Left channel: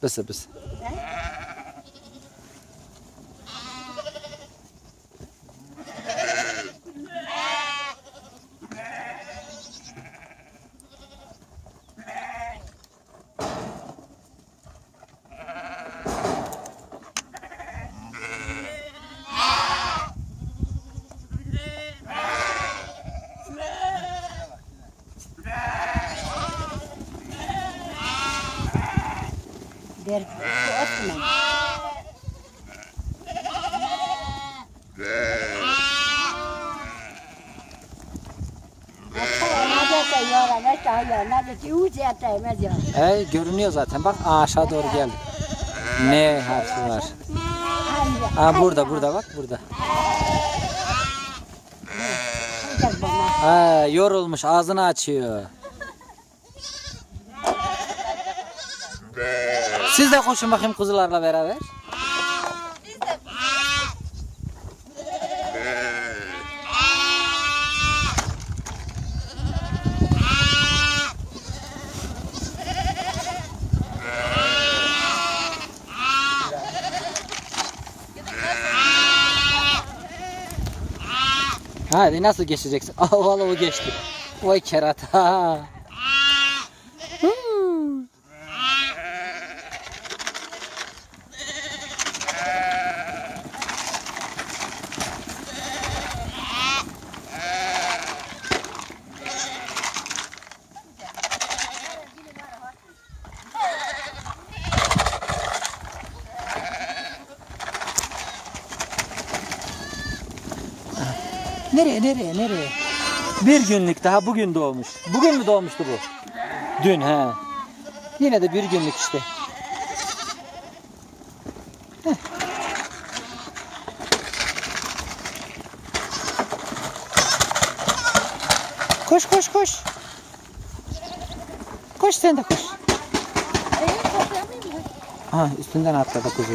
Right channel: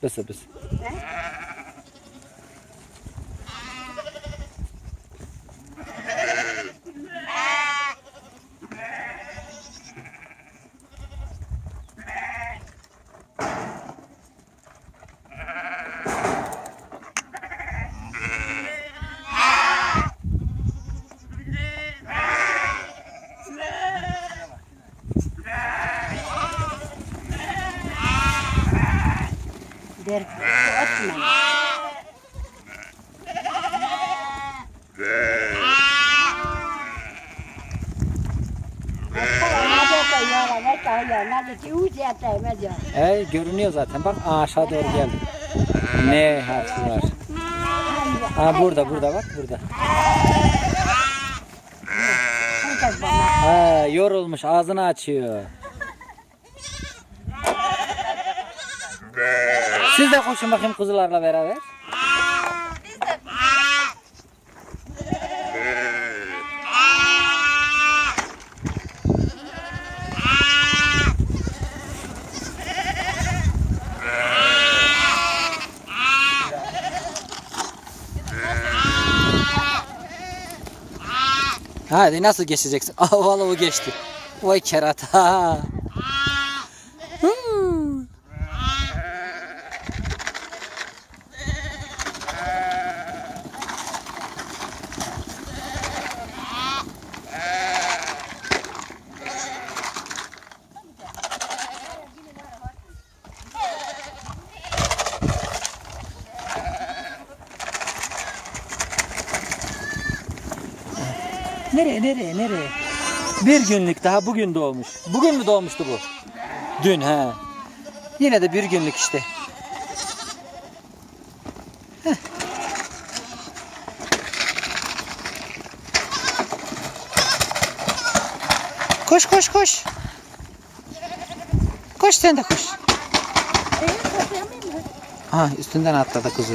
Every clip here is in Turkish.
不是不是。Öpme. E, görünüyor zaten. Bak aşağı doğru geldi. Ne harfi var? Aa burada burada bak burada. Ha, yorulmuş ağzını açıyor. Siz de koşun bakayım kuzularla beraber. Hadi nasıl geçeceksin? Aa vallahi o geçti. Vay kerata. Nereye nereye nereye? Bir günlük daha bugün doğmuş. Bugün mü doğmuştu bu? Dün he. Yine de bir günlük işte. Heh. Koş koş koş. Koş sen de koş. Ha üstünden atladı kuzu.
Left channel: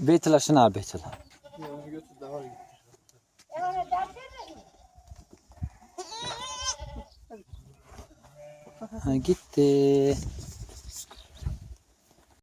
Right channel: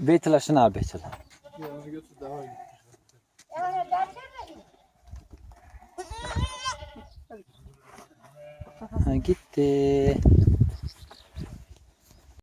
Beytül aşına abi Beytül. Ha, gitti.